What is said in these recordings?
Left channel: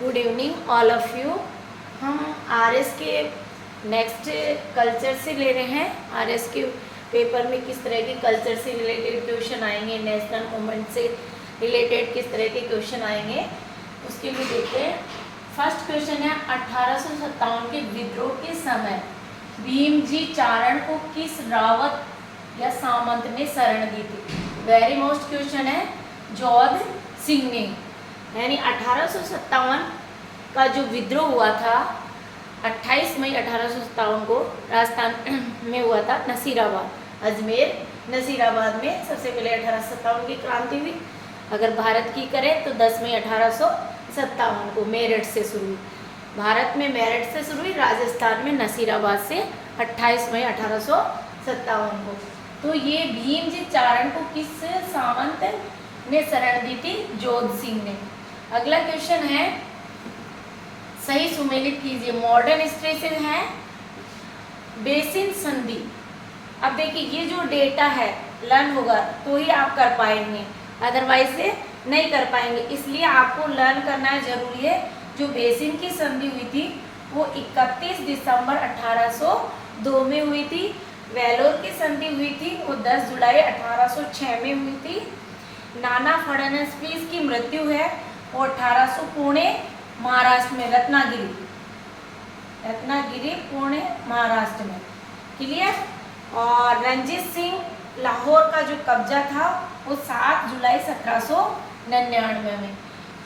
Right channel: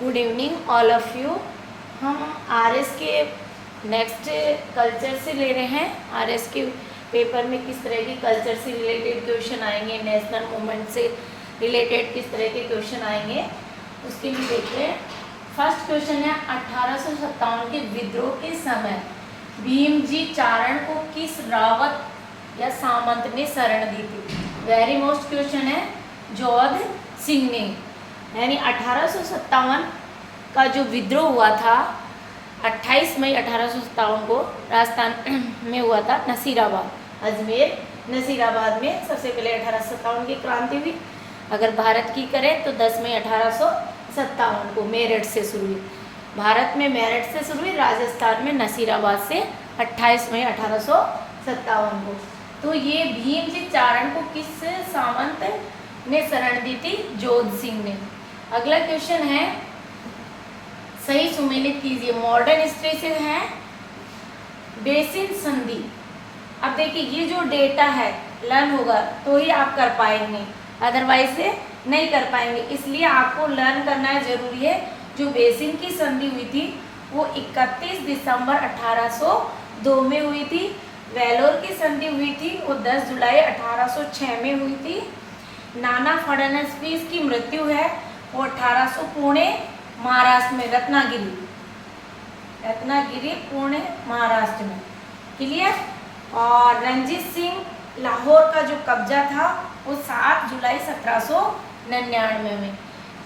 Good evening all of you. हम RS के next culture से ले रहे हैं। आरएस के पेपर में किस तरह के कल्चर से रिलेटेड क्वेश्चन आएंगे, नेशनल मूवमेंट से रिलेटेड किस तरह के क्वेश्चन आएंगे, उसके लिए देखते हैं। फर्स्ट क्वेश्चन है 1857 के विद्रोह के समय भीमजी चारण को किस रावत या सामंत ने शरण दी थी? वेरी मोस्ट क्वेश्चन है। जोध सिंह ने, यानी 1857 का जो विद्रोह हुआ था 28 मई 1857 को राजस्थान में हुआ था, नसीराबाद, अजमेर नसीराबाद में सबसे पहले 1857 की क्रांति हुई। अगर भारत की करें तो 10 मई 1857 को मेरठ से शुरू हुई। भारत में मेरठ से शुरू हुई, राजस्थान में नसीराबाद से 28 मई 1857 को। तो ये भीमजी चारण को किस सामंत ने शरण दी थी? जोध सिंह ने। अगला क्वेश्चन है, सही सुमेलित कीजिए। मॉडर्न हिस्ट्री से है बेसिन संधि। अब देखिए ये जो डेटा है लर्न होगा तो ही आप कर पाएंगे, अदरवाइज से नहीं कर पाएंगे। इसलिए आपको लर्न करना जरूरी है। जो बेसिन की संधि हुई थी वो 31 दिसंबर 1802 में हुई थी। वेलोर की संधि हुई थी वो 10 जुलाई 1806 में हुई थी। नाना फडणवीस की मृत्यु है वो 1800 पुणे महाराष्ट्र में, रत्नागिरी पुणे महाराष्ट्र में। क्लियर। और रंजीत सिंह लाहौर का जो कब्जा था वो 7 जुलाई 1799 में।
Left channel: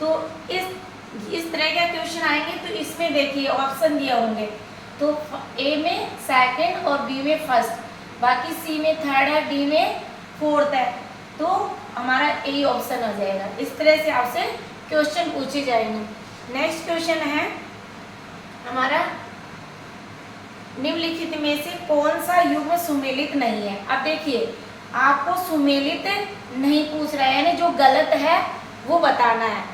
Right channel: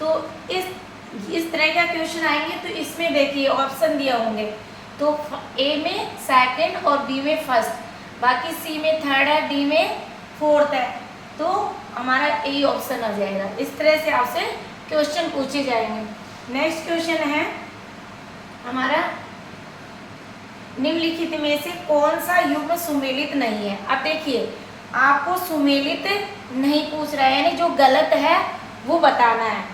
तो इस तरह का क्वेश्चन आएंगे तो इसमें देखिए ऑप्शन दिए होंगे, तो ए में सेकंड और बी में फर्स्ट, बाकी सी में थर्ड है, डी में फोर्थ है, तो हमारा ए ऑप्शन आ जाएगा। इस तरह से आपसे क्वेश्चन पूछे जाएंगे। नेक्स्ट क्वेश्चन है हमारा, निम्नलिखित में से कौन सा युग्म सुमेलित नहीं है? अब देखिए आपको सुमेलित नहीं पूछ रहा है, यानी जो गलत है वो बताना है,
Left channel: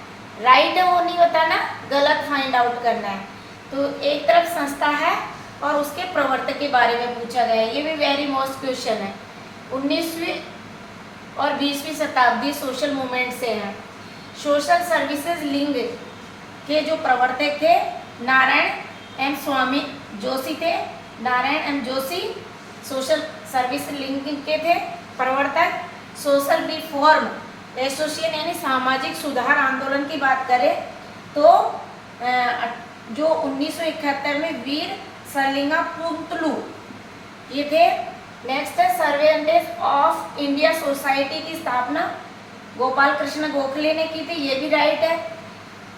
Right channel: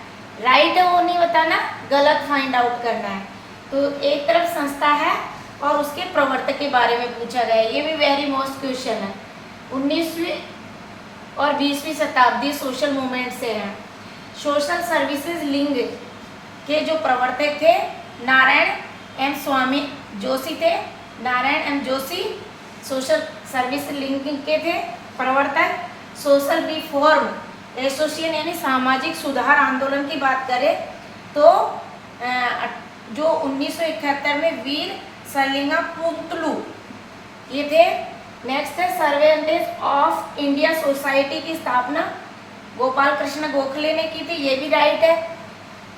राइट है वो नहीं बताना, गलत फाइंड आउट करना है। तो एक तरफ संस्था है और उसके प्रवर्तक के बारे में पूछा गया है, ये भी वेरी मोस्ट क्वेश्चन है। 19वीं और 20वीं शताब्दी सोशल मूवमेंट से है। सोशल सर्विसेज लिंग के जो प्रवर्तक थे नारायण एम स्वामी जोशी थे। Narayan M Joshi social service league के थे प्रवर्तक। सोशल रिफॉर्म एसोसिएशन यानी सामाजिक सुधार आंदोलन की बात करें तो जो 1971 में वीर सलिंगा पुंतलू ये थे। नेक्स्ट है सर्वेंटेस ऑफ इंडिया सोसाइटी की स्थापना गोपाल कृष्ण गोखले ने की थी, ये भी राइट है।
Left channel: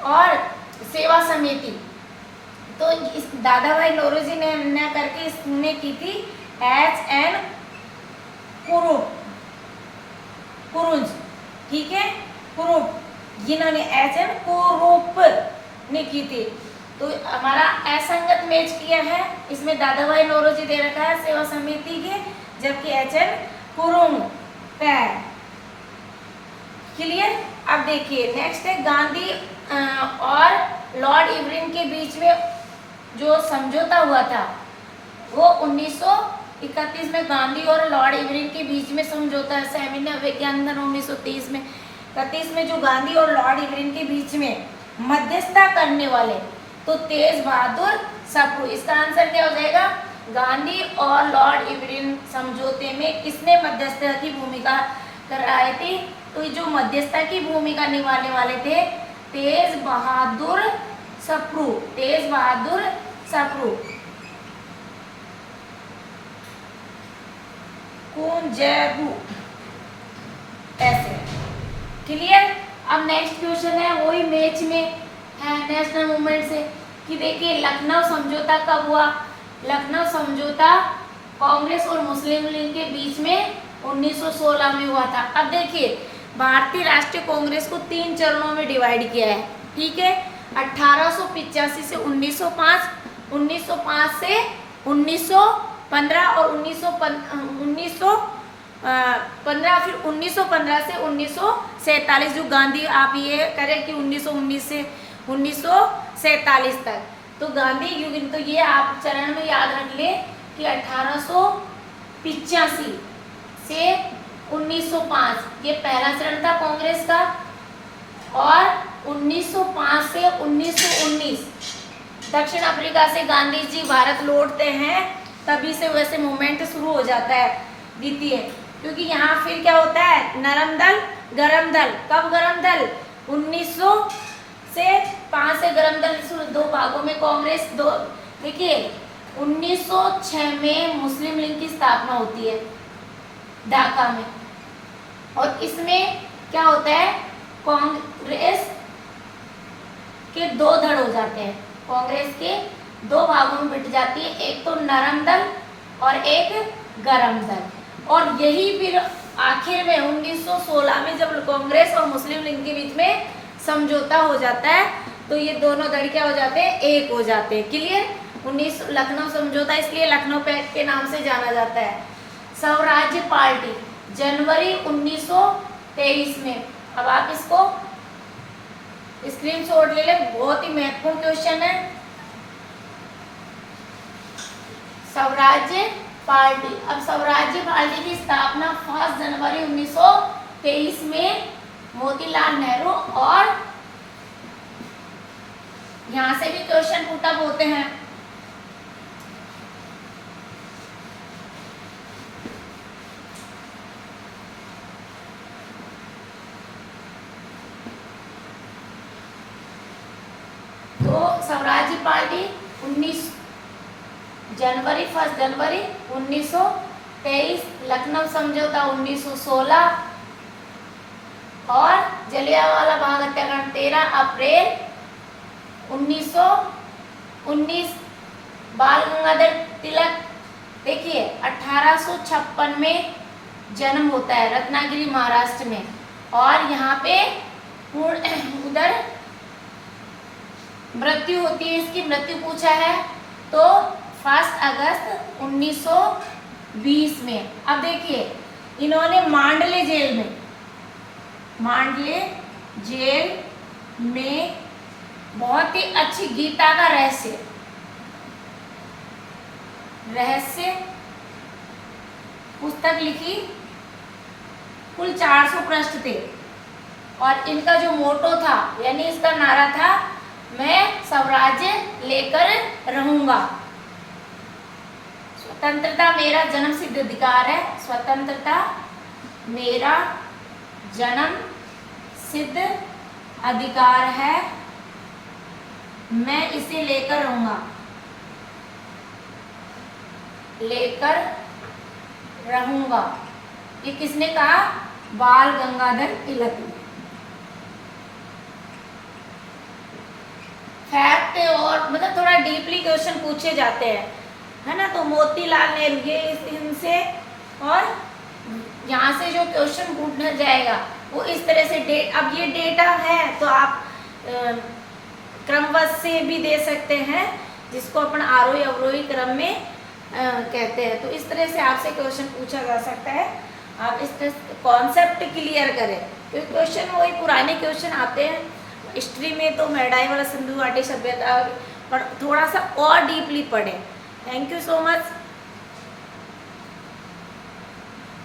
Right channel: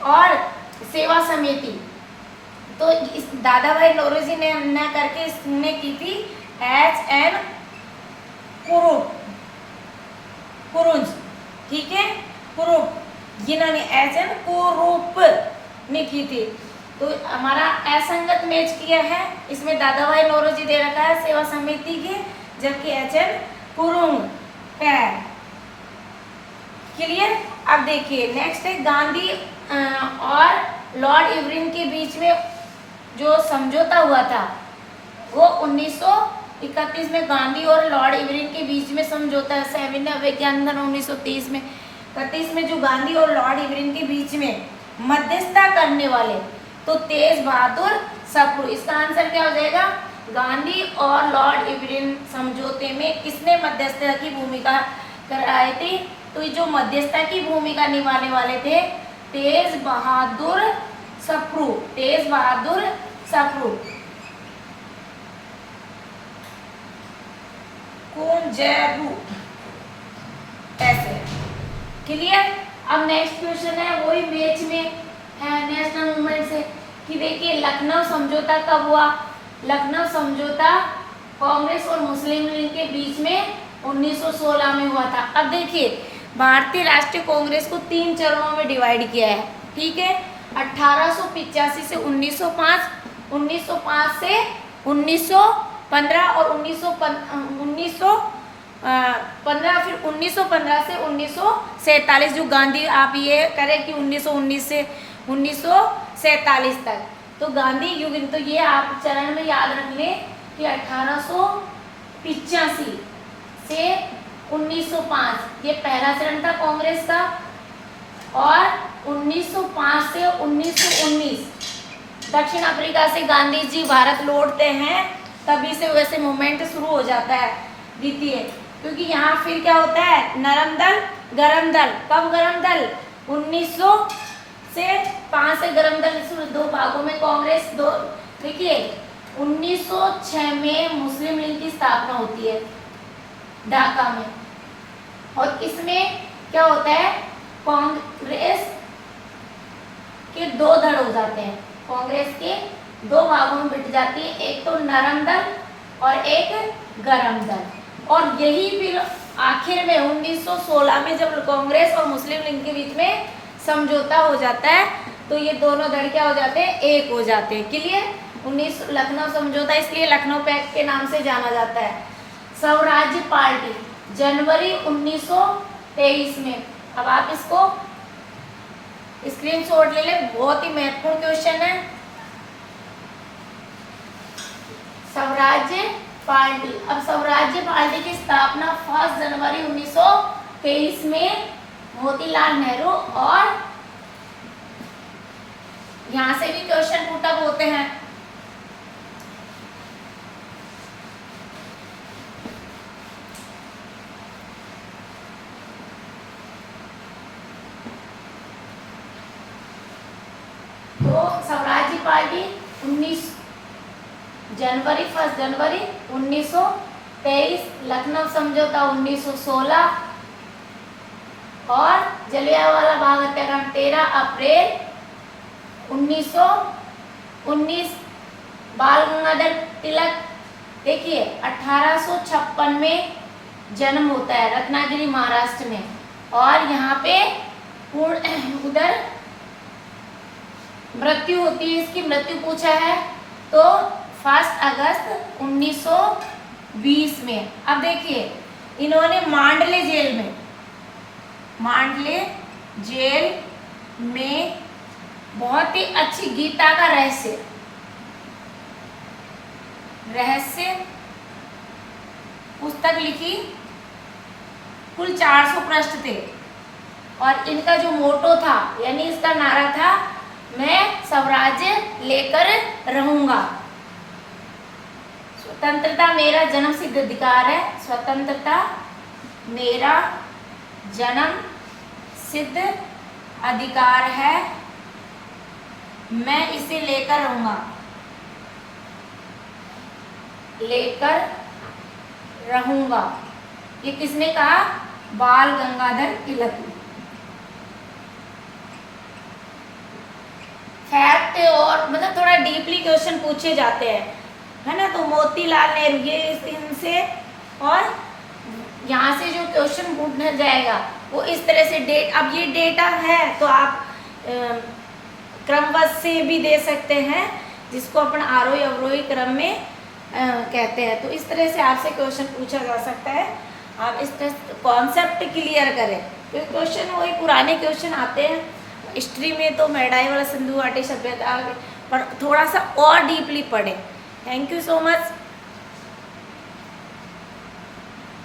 और सेवा समिति तो इस दादा भाई नौरोजी ने न करके इसने की थी HN कुरुंज, ठीक है, कुरूप, जिन्होंने HN कुरूप ने की थी। तो हमारा असंगत मैच किया है, इसमें दादा भाई नौरोजी दे रखा है सेवा समिति के, जबकि HN कुरुंग है। क्लियर। अब देखिए नेक्स्ट है गांधी और लॉर्ड इरविन के बीच में जो समझौता हुआ था वो 1931 में गांधी और लॉर्ड इरविन के बीच में समझौता है। 7 के अंदर 1930 में 31 में जो गांधी और लॉर्ड इरविन के बीच में मध्यस्थता करने वाले तो तेज बहादुर सप्रू। इसका आंसर क्या हो जाएगा? गांधी और लॉर्ड इरविन समझौते में किसने मध्यस्थता की भूमिका कराई थी? तो जो मध्यस्थता की भूमिका निभाने वाले थे तेज बहादुर सप्रू, तेज बहादुर सप्रू। कौन जयबू ऐसे। क्लियर। अब नेक्स्ट क्वेश्चन है वही मैच में है नेशनल मूवमेंट से कि देखिए लखनऊ समझौता कब हुआ? लखनऊ समझौता कांग्रेस और मुस्लिम लीग के बीच में 1916 में हुआ था। अब देखिए भारतीय राष्ट्रीय कांग्रेस को 3 चरणों में डिवाइड किया है, ठीक है। 1885 से 1905, 1905 से 1915 और 1915 फिर 1915 से 1947। जो गांधी आप ये करें कि 1919 से 1947 तक, तो गांधी युग, तो ये आप चरण में याद रख लें कि 1885 से 1905 ये पहला चरण था कांग्रेस का, और 1905 से 1919 दक्षिण अफ्रीका से गांधी जी भारत लौटते हैं, तभी से वैसे मूवमेंट शुरू हो जाता है द्वितीय, क्योंकि यहाँ फिर क्या होता है, नरम दल गरम दल। कब गरम दल? 1905 से गरम दल शुरू, दो भागों में कांग्रेस। दो देखिए 1906 में मुस्लिम लीग की स्थापना होती है ढाका में, और इसमें क्या होता है, कांग्रेस के दो धड़ हो जाते हैं, कांग्रेस के दो भागों में बिट जाती है, एक तो नरम दल और एक गरम दल। और यही फिर आखिर में 1916 में जब कांग्रेस और मुस्लिम लीग के बीच में समझौता हो जाता है, तो ये दोनों धड़ क्या हो जाते हैं, एक हो जाते हैं। क्लियर? 19 लखनऊ समझौता, इसलिए लखनऊ पैक्ट के नाम से जाना जाता है। स्वराज्य पार्टी जनवरी 1923 में, अब आप इसको स्क्रीनशॉट ले लें, बहुत ही महत्वपूर्ण क्वेश्चन है। स्वराज्य पार्टी, अब स्वराज्य पार्टी की स्थापना 1 जनवरी 1923 में मोतीलाल नेहरू, और यहां से भी क्वेश्चन पुट अप होते हैं। तो स्वराज्य पार्टी 1 जनवरी 1923, लखनऊ समझौता 1916, और जलियांवाला बाग हत्याकांड 13 अप्रैल 1919। बाल गंगाधर तिलक देखिए 1856 में जन्म होता है रत्नागिरी महाराष्ट्र में, और यहाँ पे उधर मृत्यु होती है, इसकी मृत्यु पूछा है तो 1 अगस्त 1920 में। अब देखिए इन्होंने मांडले जेल में बहुत ही अच्छी गीता का रहस्य पुस्तक लिखी, कुल 400 पृष्ठ थे, और इनका जो मोटो था, यानी इसका नारा था, मैं स्वराज्य लेकर रहूंगा। स्वतंत्रता मेरा जन्म सिद्ध अधिकार है, स्वतंत्रता मेरा जन्म सिद्ध अधिकार है, मैं इसे लेकर रहूंगा, ये किसने कहा? बाल गंगाधर तिलक ने। फैक्ट और मतलब थोड़ा डीपली क्वेश्चन पूछे जाते हैं, है ना। तो मोतीलाल नेहरू, ये इनसे, और यहाँ से जो क्वेश्चन पूछना जाएगा वो इस तरह से डेट, अब ये डेटा है तो आप क्रमबद्ध से भी दे सकते हैं, जिसको अपन आरोही अवरोही क्रम में कहते हैं। तो इस तरह से आपसे क्वेश्चन पूछा जा सकता है, आप इस कॉन्सेप्ट क्लियर करें। तो क्वेश्चन वही पुराने क्वेश्चन आते हैं हिस्ट्री में, तो मेडाई वाला सिंधु घाटी सभ्यता, पर थोड़ा सा और डीपली पढ़ें। Thank you so much.